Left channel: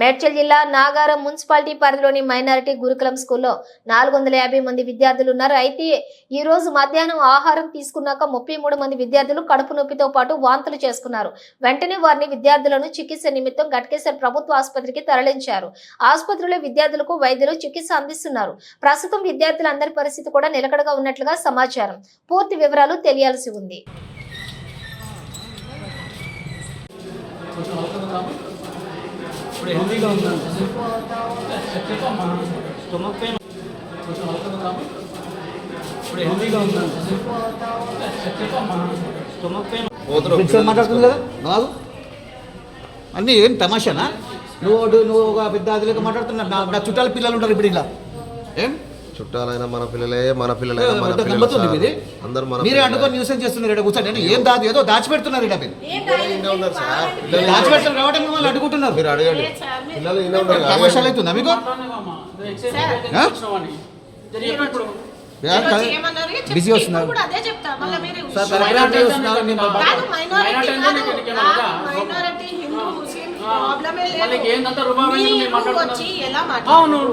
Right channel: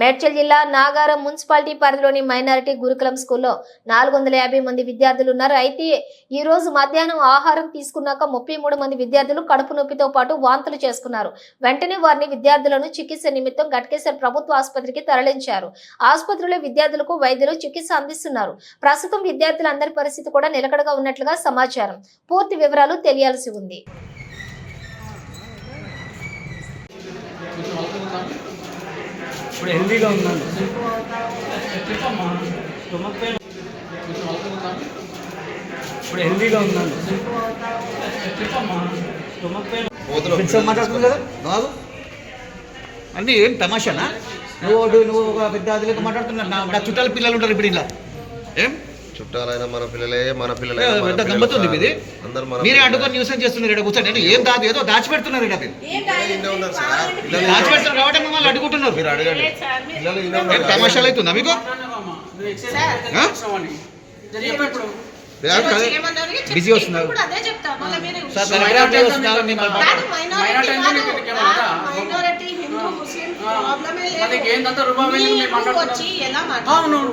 మేడ్చల్ జిల్లా నాగారం మున్సిపాలిటీ పరిధిలోని మైనారిటీ గురుకులం స్కూల్లో 450 మంది విద్యార్థులు ఉన్నారు. అయితే ఈ రోజు మధ్యాహ్నం ఆహారం తీసుకున్నాక 33 మంది విద్యార్థులు కడుపు నొప్పితో పాటు వాంతులు చేసుకున్నారు. వెంటనే వారిని విద్యార్థులను చికిత్స నిమిత్తం ఘట్కేసర్ ప్రభుత్వ ఆసుపత్రికి తరలించారు. ఆసుపత్రిలో విద్యార్థులకు వైద్యులు చికిత్స అందిస్తున్నారు. ప్రస్తుతం విద్యార్థులందరి పరిస్థితి కూడా నిలకడగా ఉన్నట్లుగా సమాచారం. పూర్తి వివరాలు తెలియాల్సి ఉంది. ఇప్పుడు హెల్దీగా ఉందండి. చెప్పమ్మా స్టొమక్ పెయిన్ కొంచెం అలకలుందాము. ఇప్పుడు హెల్దీగా ఉందండి. చెప్పమ్మా స్టొమక్ పెయిన్ మాట్లాడుతుంది కదా బాగు అన్నీ ఏం తమాషానా? నువ్వు ఒక పెద్ద అదిలేక మాట్లాడుతున్నా. నా చుట్టాల పిల్లలు ఉంటారు ఇప్పుడు ఇలా. ఏం చుట్టాలైనా మన పిల్లలే పెద్ద గమ్మతుంది ఇది. మీరే అడ్డుకొని న్యూసెన్స్ చేస్తున్నారు ఇక్కడ కూర్చొని. నేను ఏం దాదు ఏదో దాచిపెడుతున్నారు ఇక్కడ. దాచిపెడుతున్నారు కాబట్టి మిమ్మల్ని అడ్డుకుంటున్నారు. మీరు అడగండి. తమాషాలు అవుతుందా మీకు? బిజీ వస్తున్నారు.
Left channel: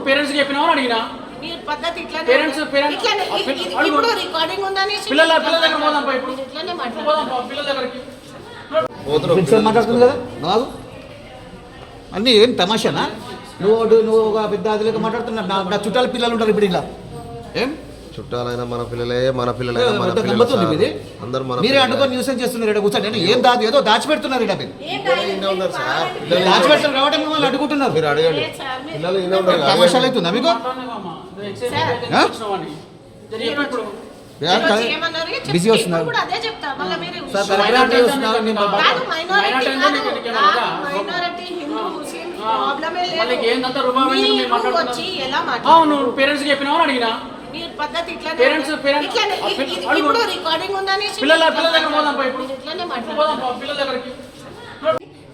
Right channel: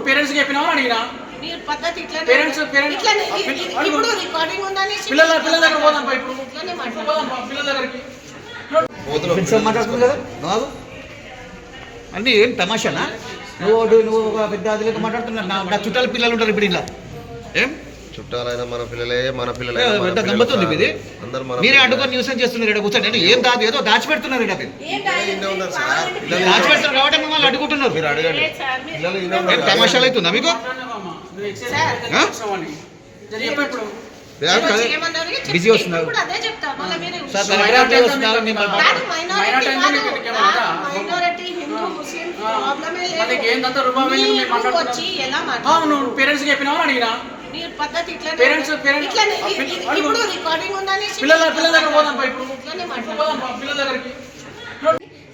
పేరెంట్స్ చెప్పినావా అడిగినా పద్ధతి ఇప్పుడు రికార్డింగ్ ఉందని పిల్లల దగ్గర పోదాం. మాట్లాడుతుంది కదా బాగు అన్నీ ఏం తమాషానా? నువ్వు ఒక పెద్ద అదిలేక మాట్లాడుతున్నా. నా చుట్టాల పిల్లలు ఉంటారు ఇప్పుడు ఇలా. ఏం చుట్టాలైనా మన పిల్లలే పెద్ద గమ్మతుంది ఇది. మీరే అడ్డుకొని న్యూసెన్స్ చేస్తున్నారు ఇక్కడ కూర్చొని. నేను ఏం దాదు ఏదో దాచిపెడుతున్నారు ఇక్కడ. దాచిపెడుతున్నారు కాబట్టి మిమ్మల్ని అడ్డుకుంటున్నారు. మీరు అడగండి. తమాషాలు అవుతుందా మీకు? బిజీ వస్తున్నారు. పేరెంట్స్ చెప్పినావా అడిగినా పద్ధతి ఇప్పుడు రికార్డింగ్ ఉందని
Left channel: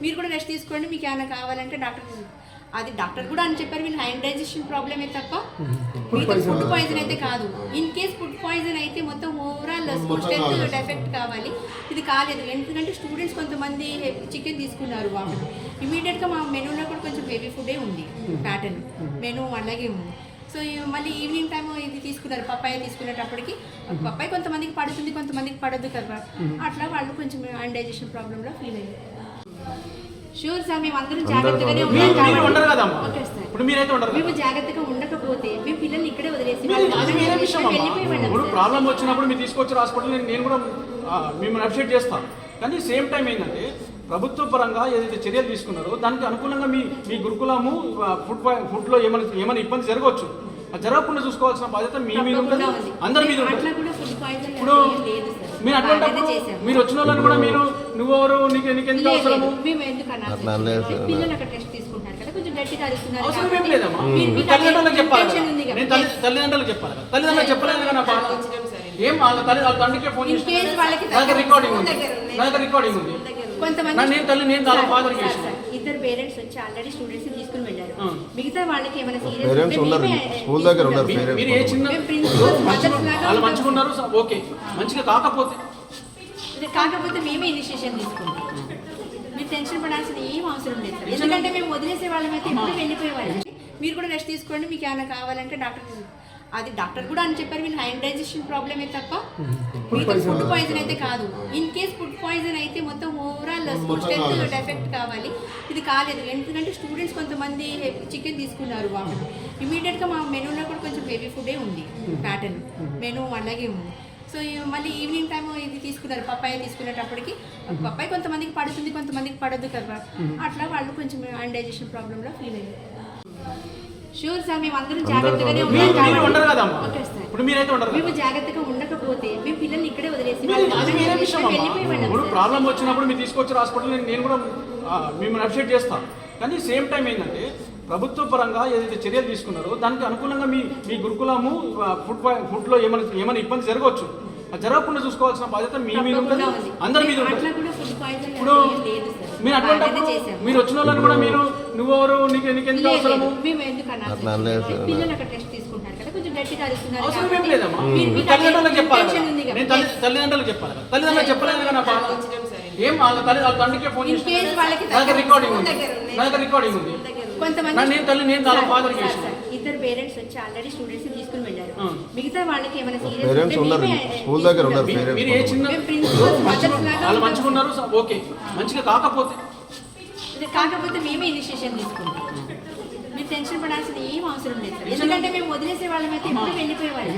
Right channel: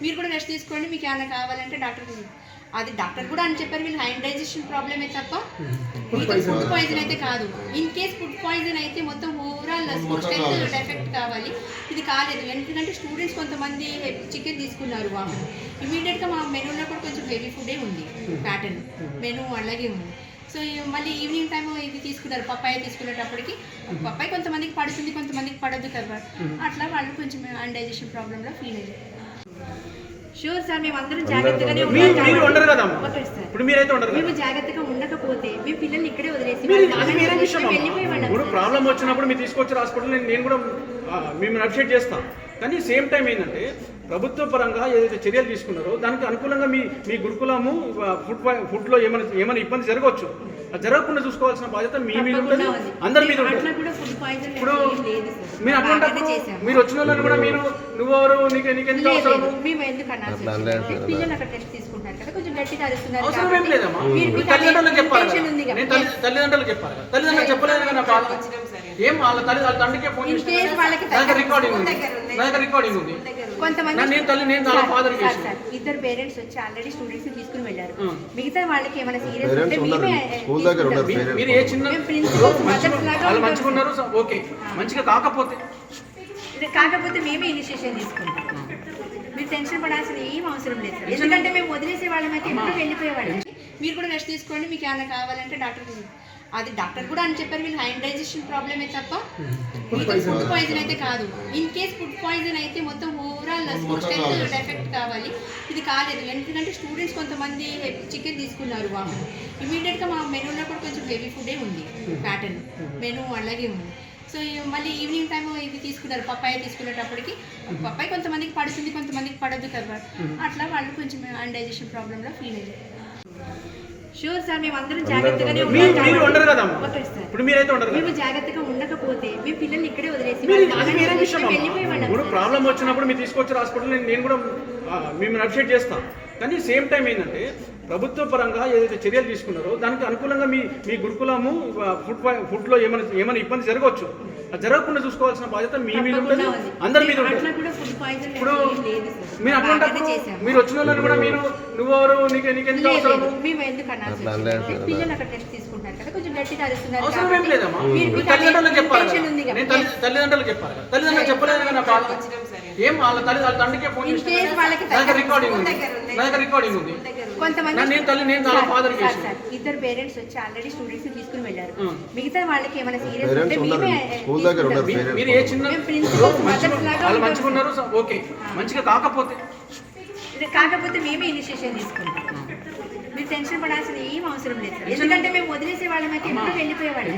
మీరు కూడా రెస్ట్ తీసుకోండి. మీకు ఏమైనా కావాలంటే డాక్టర్ కూడా అని చెప్పారు. వీళ్ళు హ్యాండ్ డైజెషన్ ప్రాబ్లమే తప్ప ఫుడ్ పాయిజన్ అయితే కాదు. ఇన్ కేస్ ఫుడ్ పాయిజన్ అయితే మొత్తం ఓవరాల్ ఎఫెక్ట్ కావాలి. ఇది కాలేదు. ఎందుకంటే స్టూడెంట్స్ కొంతమంది చికెన్ తీసుకున్నారు. వాళ్ళు ఇమీడియట్గా మా మెనూలో కూడా కొంచెం హెవీ ఫుడే ఉంది. ప్యాటర్న్ మెనూ అలాగే ఉంది. సో మళ్ళీ ఈవినింగ్ టైం ఇది తీసుకున్నారు. పప్పాయ తీసుకునేటప్పటికి పప్పాయ కొంతమందికి పడుతుంది, కొంతమందికి పడద్దు కదా. అట్లా వాళ్ళు కొంచెం అన్డైజెషన్ ప్రాబ్లంలో ఫీల్ అయ్యారు. షూర్ సార్, మేము అందరం జాగ్రత్తగానే ఉంటాం. మేము జాగ్రత్తగా ఉండకపోతే మేము పిల్లల్ని ఇక్కడే వదిలేసి ఇప్పుడు ప్రాబ్లం వచ్చినప్పుడు మీరు తీసుకొచ్చారు హాస్పిటల్. నేను కూడా మేము అప్డేట్ చేస్తాం. కానీ సేమ్ టైం ఏంటంటే ప్రభుత్వ పరంగా ఏదైతే చర్యలు తీసుకున్నారో దానికి అనుకూలంగా మీ గురుకులము ఫుడ్లో ఏమైనా ఇబ్బంది జరగవచ్చు. అది జరగకుండా చూసుకోవాల్సిన బాధ్యత మీ మీద ఉంటుంది, అందరి మీద ఉంటుంది. ఇప్పుడు మీరు అటువంటిప్పుడు మీరు వచ్చిన వాళ్ళని కూడా నువ్వెవరు, నీకెంత అవసరము అవసరం ఏం లేదమ్మా. తల్లిదండ్రులకు చెప్పాలి. నేను తల్లిదండ్రులకు చెప్పాలి. తల్లిదండ్రులకు చెప్పలేదు కదా. బాధ ఏం వాళ్ళ తండ్రికే ఫోన్ చేసి రికార్డింగ్ ఉంది. నేను తన ఫాదర్ ఇద్దరు పేరెంట్స్ వచ్చి ఆల్రెడీ స్టూడెంట్స్ తీసుకుని వెళ్ళారు. మిగతా వాళ్ళకి ఏమైనా మీరు ఏ చిన్న వాళ్ళు మంచిగా ఉన్నారు ఓకే, మంచిగా కాకపోతే మేమే ఇనిషియేషన్ తీసుకుంటాం. మీరు టెన్షన్ పడాల్సిన ఏం అవసరం లేదు సార్. ఎందుకంటే మేము వదిలేసే వాళ్ళమైతే ఎప్పుడు వెళ్ళిపోయే వాళ్ళం. మీరు కూడా రెస్ట్ తీసుకోండి. మీకు ఏమైనా కావాలంటే డాక్టర్ కూడా అని చెప్పారు. వీళ్ళు హ్యాండ్ డైజెషన్ ప్రాబ్లమే తప్ప ఫుడ్ పాయిజన్ అయితే కాదు. ఇన్ కేస్ ఫుడ్ పాయిజన్ అయితే మొత్తం ఓవరాల్ ఎఫెక్ట్ కావాలి. ఇది కాలేదు. ఎందుకంటే స్టూడెంట్స్ కొంతమంది చికెన్ తీసుకున్నారు. వాళ్ళు ఇమీడియట్గా మా మెనూలో కూడా కొంచెం హెవీ ఫుడే ఉంది. ప్యాటర్న్ మెనూ అలాగే ఉంది. సో మళ్ళీ ఈవినింగ్ టైం ఇది తీసుకున్నారు. పప్పాయ తీసుకునేటప్పటికి పప్పాయ కొంతమందికి పడుతుంది, కొంతమందికి పడద్దు కదా. అట్లా వాళ్ళు కొంచెం అన్డైజెషన్ ప్రాబ్లంలో ఫీల్ అయ్యారు. షూర్ సార్, మేము అందరం జాగ్రత్తగానే ఉంటాం. మేము జాగ్రత్తగా ఉండకపోతే మేము పిల్లల్ని ఇక్కడే వదిలేసి ఇప్పుడు ప్రాబ్లం వచ్చినప్పుడు మీరు తీసుకొచ్చారు హాస్పిటల్. నేను కూడా మేము అప్డేట్ చేస్తాం. కానీ సేమ్ టైం ఏంటంటే ప్రభుత్వ పరంగా ఏదైతే చర్యలు తీసుకున్నారో దానికి అనుకూలంగా మీ గురుకులము ఫుడ్లో ఏమైనా ఇబ్బంది జరగవచ్చు. అది జరగకుండా చూసుకోవాల్సిన బాధ్యత మీ మీద ఉంటుంది, అందరి మీద ఉంటుంది. ఇప్పుడు మీరు అటువంటిప్పుడు మీరు వచ్చిన వాళ్ళని కూడా నువ్వెవరు, నీకెంత అవసరము అవసరం ఏం లేదమ్మా. తల్లిదండ్రులకు చెప్పాలి. నేను తల్లిదండ్రులకు చెప్పాలి. తల్లిదండ్రులకు చెప్పలేదు కదా. బాధ ఏం వాళ్ళ తండ్రికే ఫోన్ చేసి రికార్డింగ్ ఉంది. కొంతమంది నేను తల్లి నేను నా ఫాదర్ సార్, ఇద్దరు పేరెంట్స్ వచ్చి ఆల్రెడీ స్టూడెంట్స్ తీసుకుని వెళ్ళారు. మిగతా వాళ్ళకి ఏమైనా సీరియస్ పేరెంట్స్ ఉన్నారు స్కూల్ దగ్గర ఉన్నారు మీరు ఏ చిన్న వాళ్ళు మంచిగా ఉన్నారు ఓకే, మంచిగా కాకపోతే కాకపోతే మేమే ఇనిషియేషన్ తీసుకుంటాం. మీరు టెన్షన్ పడాల్సిన ఏం అవసరం లేదు సార్, ఎందుకంటే మేము వదిలేసే వాళ్ళమైతే ఎప్పుడు వెళ్ళిపోయే వాళ్ళం.